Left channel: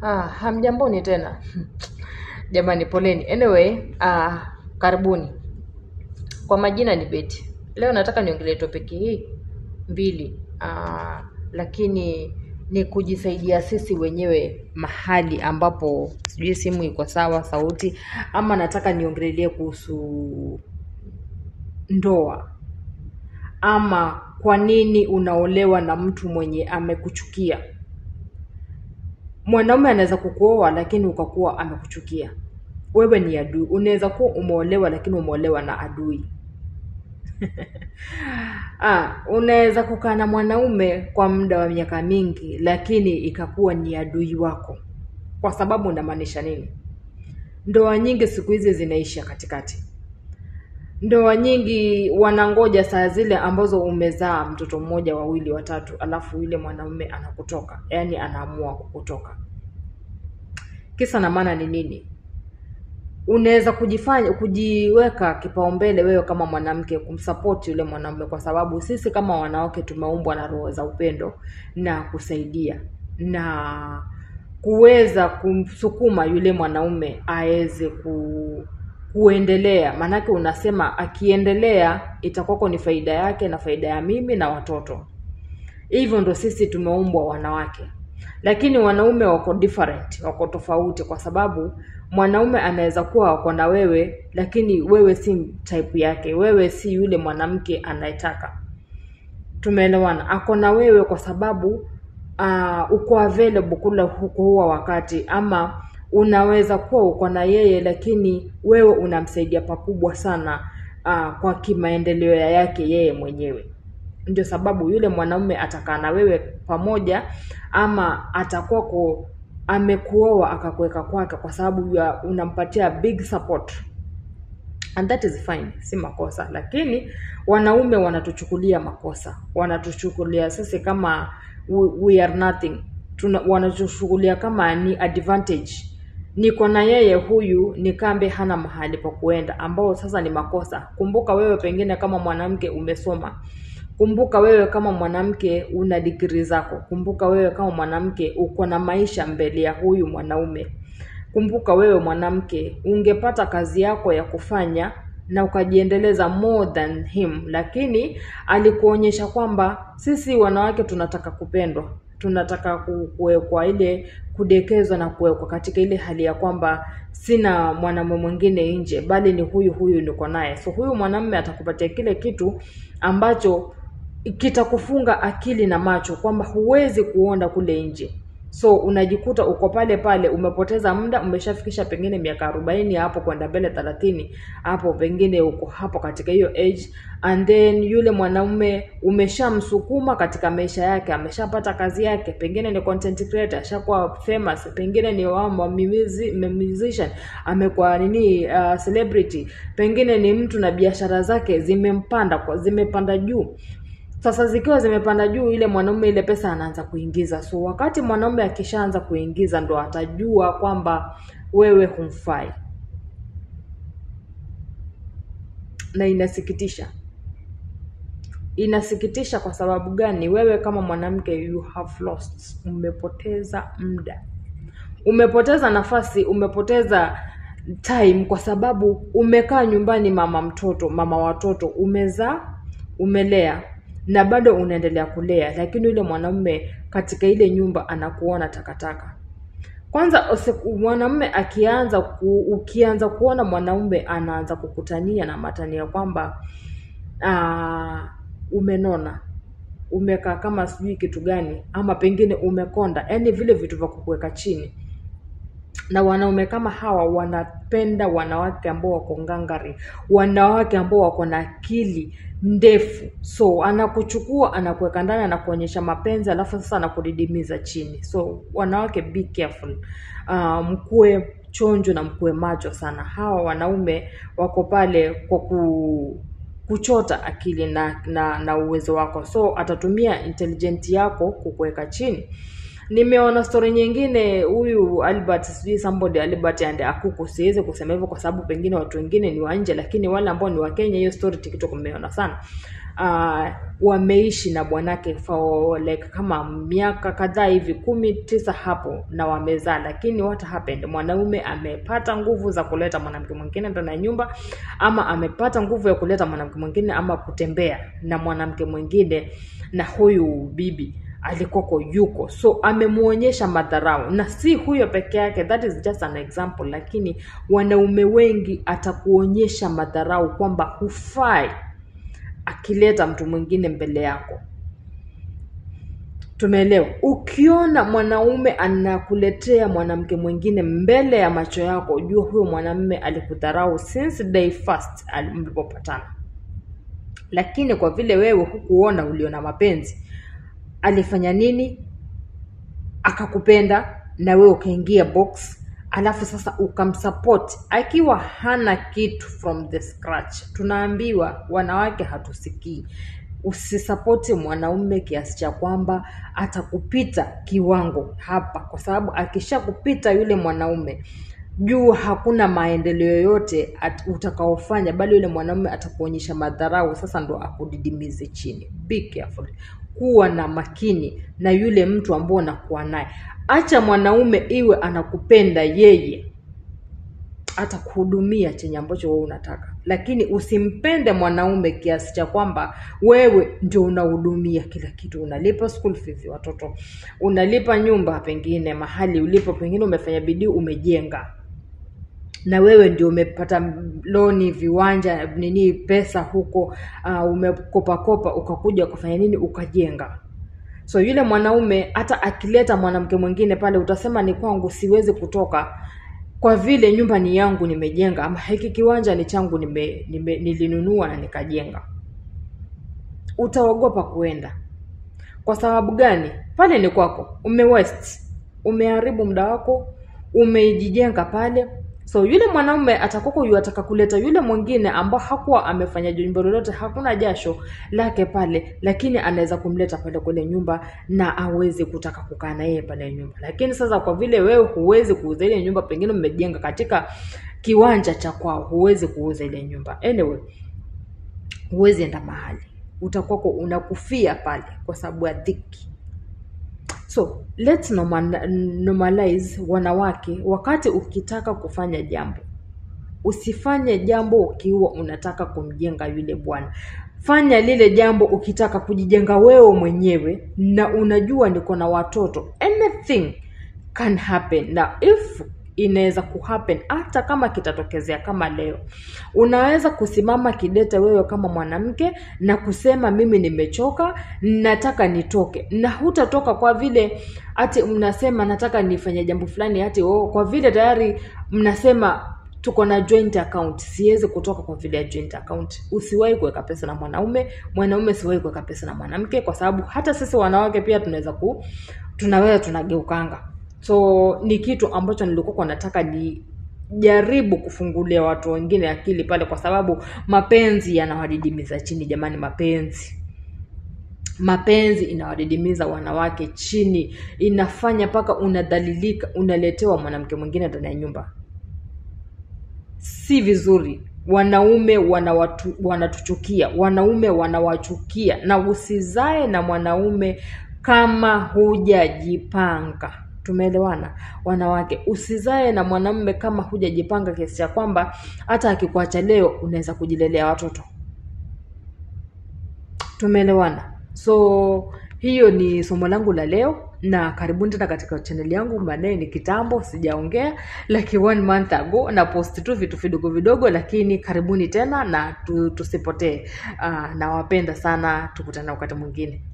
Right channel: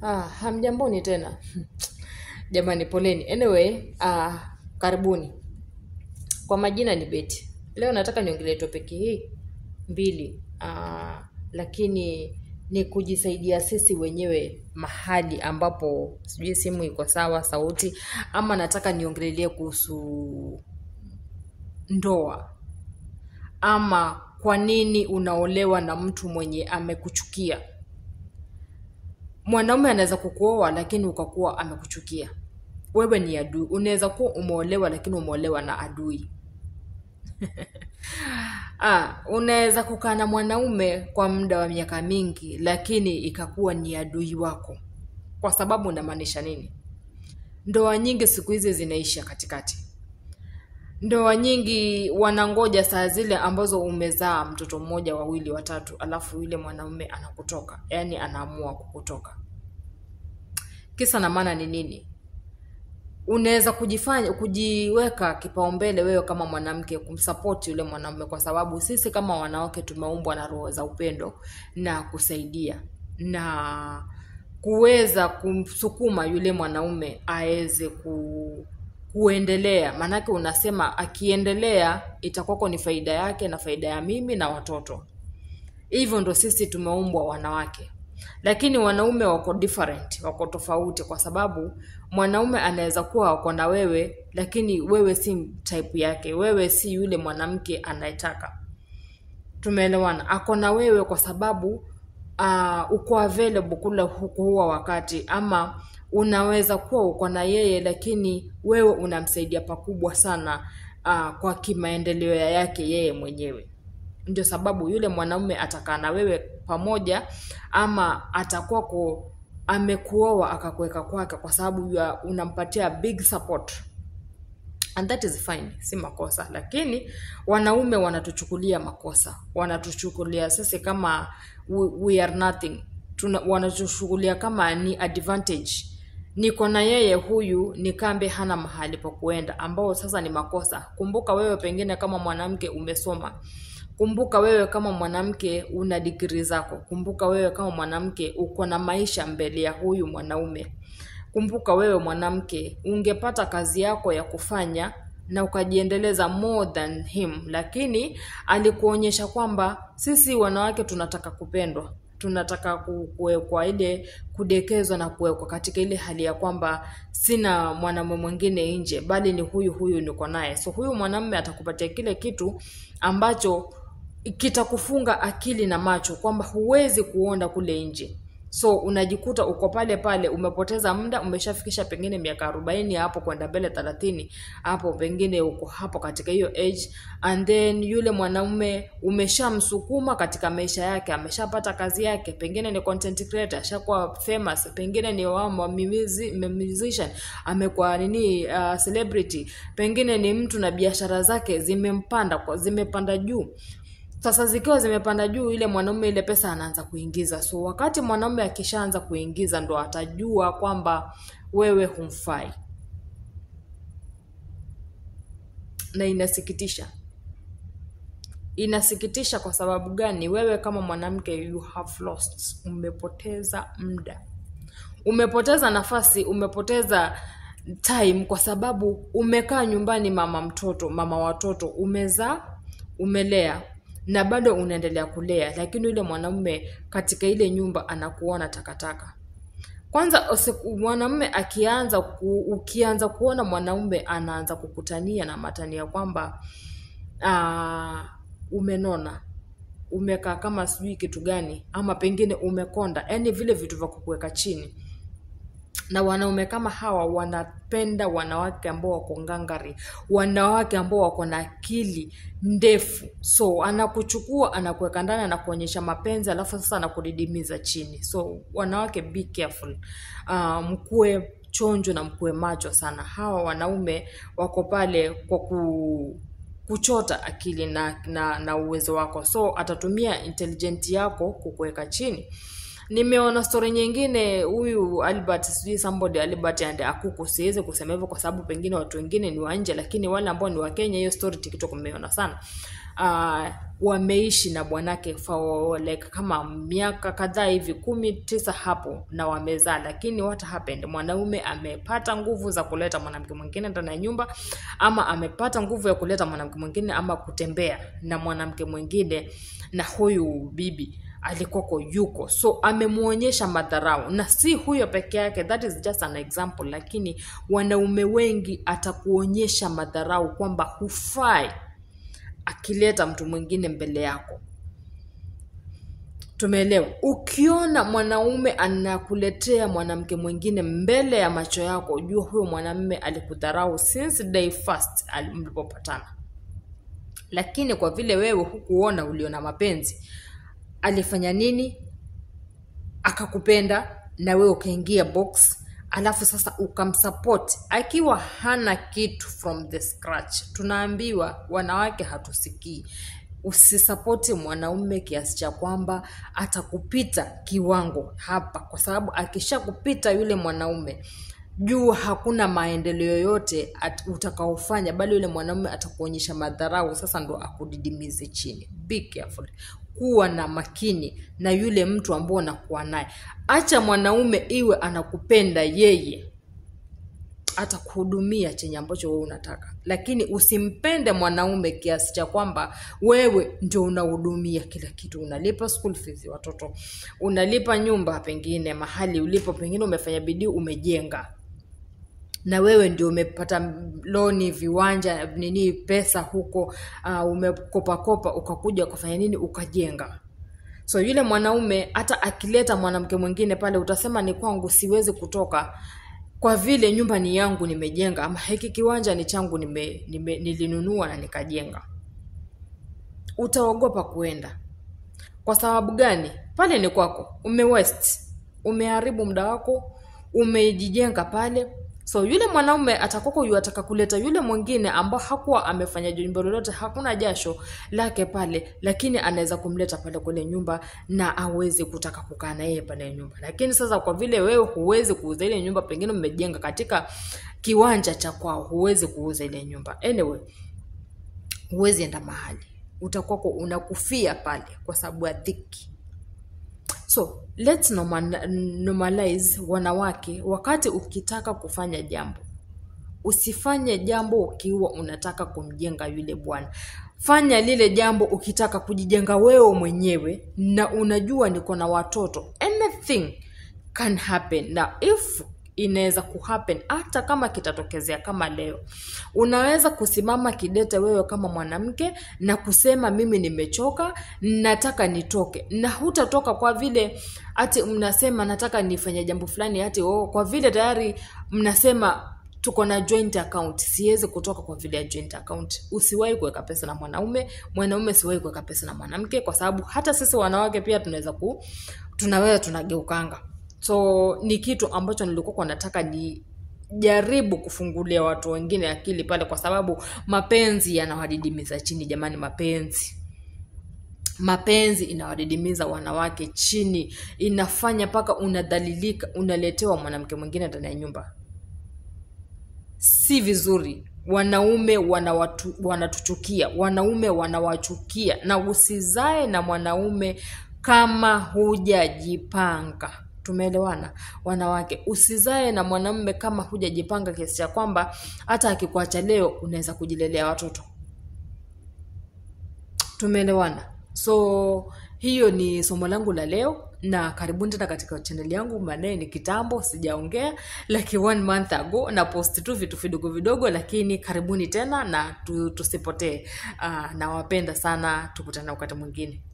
Hamjamboni tena. Jamani poleni. Anyway, karibuni. Kwa majina ni Betty. Leo nataka niongelee topic hii mbili. Lakini ni kujisaidia sisi wenyewe mahali ambapo sijui simu iko sawa, sauti, ama nataka niongelee kuhusu ndoa. Ama kwa nini unaolewa na mtu mwenye amekuchukia? Mwanaume anaweza kukuoa lakini ukakuwa amekuchukia. Wewe ni adui. Unaweza kuwa umeolewa lakini umeolewa na adui. Unaweza kukaa na mwanaume kwa muda wa miaka mingi lakini ikakuwa ni adui wako. Kwa sababu unamaanisha nini? Ndoa nyingi siku hizi zinaisha katikati. Ndoa nyingi wanangoja saa zile ambazo umezaa mtoto mmoja, wawili, watatu, alafu yule mwanaume anakutoka. Yaani anaamua kukutoka. Kisa na maana ni nini? Unaweza kujiweka kipaumbele wewe kama mwanamke kumsupport yule mwanamume, kwa sababu sisi kama wanawake tumeumbwa na roho za upendo na kusaidia na kuweza kumsukuma yule mwanaume aweze kuendelea. Manake unasema akiendelea itakuwa ni faida yake na faida ya mimi na watoto. Hivyo ndo sisi tumeumbwa wanawake. Lakini wanaume wako different, wako tofauti, kwa sababu mwanaume anaweza kuwa wako na wewe lakini wewe si type yake. Wewe si yule mwanamke anayetaka. Tumeelewana? Ako na wewe kwa sababu uko available kula huwa wakati, ama unaweza kuwa uko na yeye lakini wewe unamsaidia pakubwa sana kwa kimaendeleo yake yeye mwenyewe. Ndio sababu yule mwanaume atakaa na wewe pamoja, ama atakuwa amekuoa akakuweka kwake kwa sababu unampatia big support. And that is fine, si makosa. Lakini wanaume wanatuchukulia makosa. Wanatuchukulia sisi kama we are nothing. Wanatuchukulia kama ni advantage. Niko na yeye huyu ni kambe hana mahali pa kuenda, ambao sasa ni makosa. Kumbuka wewe pengine kama mwanamke umesoma. Kumbuka wewe kama mwanamke una degree zako. Kumbuka wewe kama mwanamke uko na maisha mbele ya huyu mwanaume. Kumbuka wewe mwanamke ungepata kazi yako ya kufanya na ukajiendeleza more than him, lakini alikuonyesha kwamba sisi wanawake tunataka kupendwa. Tunataka kuwekwa ile kudekezwa na kuwekwa katika ile hali ya kwamba sina mwanamume mwingine nje bali ni huyu niko naye. So huyu mwanamume atakupatia kile kitu ambacho kitakufunga akili na macho kwamba huwezi kuona kule nje. So unajikuta uko pale pale, umepoteza muda, umeshafikisha pengine miaka 40 hapo kwenda mbele 30, hapo pengine uko hapo katika hiyo age, and then yule mwanaume umeshamsukuma katika maisha yake, ameshapata kazi yake, pengine ni content creator, ashakuwa famous, pengine ni musician, amekuwa celebrity, pengine ni mtu na biashara zake zimepanda juu. Sasa zikiwa zimepanda juu, ile mwanaume ile pesa anaanza kuingiza. So wakati mwanaume akishaanza kuingiza ndo atajua kwamba wewe humfai. Na inasikitisha. Inasikitisha kwa sababu gani? Wewe kama mwanamke you have lost. Umepoteza muda. Umepoteza nafasi, umepoteza time kwa sababu umekaa nyumbani mama watoto, umezaa, umelea na bado unaendelea kulea, lakini yule mwanamume katika ile nyumba anakuona takataka. Kwanza mwanamume ukianza kuona mwanamume anaanza kukutania na matania kwamba umenona, umekaa kama sijui kitu gani, ama pengine umekonda, yani vile vitu vya kukuweka chini. Na wanaume kama hawa wanapenda wanawake ambao wako ngangari, wanawake ambao wako na akili ndefu. So anakuchukua, anakuweka ndani, anakuonyesha mapenzi, alafu sasa anakudidimiza chini. So wanawake be careful. Mkuwe chonjo na mkuwe macho sana. Hawa wanaume wako pale kwa kuchota akili na uwezo wako. So atatumia intelligent yako kukuweka chini. Nimeona story nyingine, huyu Albert and Akuku, siweze kusema hivyo kwa sababu pengine watu wengine ni wa nje, lakini wale ambao ni wa Kenya hiyo story TikTok umeona sana. wameishi na bwanake for like kama miaka kadhaa hivi 19 hapo na wamezaa, lakini what happened, mwanaume amepata nguvu za kuleta mwanamke mwingine ndani ya nyumba, ama amepata nguvu ya kuleta mwanamke mwingine ama kutembea na mwanamke mwingine, na huyu bibi alikoko yuko, so amemuonyesha madharau. Na si huyo peke yake, that is just an example, lakini wanaume wengi atakuonyesha madharau kwamba hufai akileta mtu mwingine mbele yako. Tumeelewa? Ukiona mwanaume anakuletea mwanamke mwingine mbele ya macho yako, jua huyo mwanamume alikudharau since day first mlipopatana. Lakini kwa vile wewe hukuona, uliona mapenzi, alifanya nini? Akakupenda na wewe ukaingia box, alafu sasa ukamsupport akiwa hana kitu from the scratch. Tunaambiwa wanawake hatusikii. Usisupport mwanaume kiasi cha kwamba atakupita kiwango hapa, kwa sababu akishakupita yule mwanaume, juu hakuna maendeleo yoyote utakaofanya, bali yule mwanaume atakuonyesha madharau, sasa ndo akudidimize chini. Be careful. Kuwa na makini na yule mtu ambao unakuwa naye. Acha mwanaume iwe anakupenda yeye, atakuhudumia chenye ambacho wewe unataka, lakini usimpende mwanaume kiasi cha kwamba wewe ndio unahudumia kila kitu. Unalipa school fees watoto, unalipa nyumba, pengine mahali ulipo, pengine umefanya bidii umejenga, na wewe ndio umepata loni, viwanja, nini, pesa huko, umekopa ukakuja kufanya nini, ukajenga. So yule mwanaume hata akileta mwanamke mwingine pale, utasema ni kwangu, siwezi kutoka kwa vile nyumba ni yangu nimejenga, ama hiki kiwanja ni changu nilinunua na nikajenga. Utaogopa kuenda. Kwa sababu gani? Pale ni kwako, umewaste, umeharibu muda wako, umejijenga pale. So yule mwanaume atakoko ataka kuleta yule mwingine ambao hakuwa amefanya jambo lolote, hakuna jasho lake pale, lakini anaweza kumleta pale kwenye nyumba na aweze kutaka kukaa na yeye pale nyumba. Lakini sasa kwa vile wewe huwezi kuuza ile nyumba, pengine umejenga katika kiwanja cha kwao, huwezi kuuza ile nyumba. Anyway, huwezi enda mahali, utakuwa unakufia pale kwa sababu ya dhiki. So let's normalize wanawake. Wakati ukitaka kufanya jambo, usifanye jambo ukiwa unataka kumjenga yule bwana. Fanya lile jambo ukitaka kujijenga wewe mwenyewe, na unajua niko na watoto. Anything can happen. Now if inaweza kuhappen, hata kama kitatokezea kama leo, unaweza kusimama kidete wewe kama mwanamke na kusema mimi nimechoka, nataka nitoke. Na hutatoka kwa vile ati mnasema nataka nifanye jambo fulani, ati kwa vile tayari mnasema tuko na joint account, siwezi kutoka kwa vile joint account. Usiwahi kuweka pesa na mwanaume siwahi kuweka pesa na mwanamke, kwa sababu hata sisi wanawake pia tunaweza tunageukanga. So ni kitu ambacho nilikuwa nataka ni jaribu kufungulia watu wengine akili pale, kwa sababu mapenzi yanawadidimiza chini jamani. Mapenzi inawadidimiza wanawake chini, inafanya paka unadhalilika, unaletewa mwanamke mwingine ndani ya nyumba. Si vizuri. Wanaume wanatuchukia, wanaume wanawachukia, na usizae na mwanaume kama hujajipanga. Tumeelewana wanawake? Usizae na mwanamume kama hujajipanga kiasi cha kwamba hata akikuacha leo unaweza kujilelea watoto. Tumeelewana? So hiyo ni somo langu la leo, na karibuni tena katika channel yangu. Maana ni kitambo sijaongea, like 1 month ago, na post tu vitu vidogo, lakini karibuni tena na tusipotee. Nawapenda sana, tukutane wakati mwingine.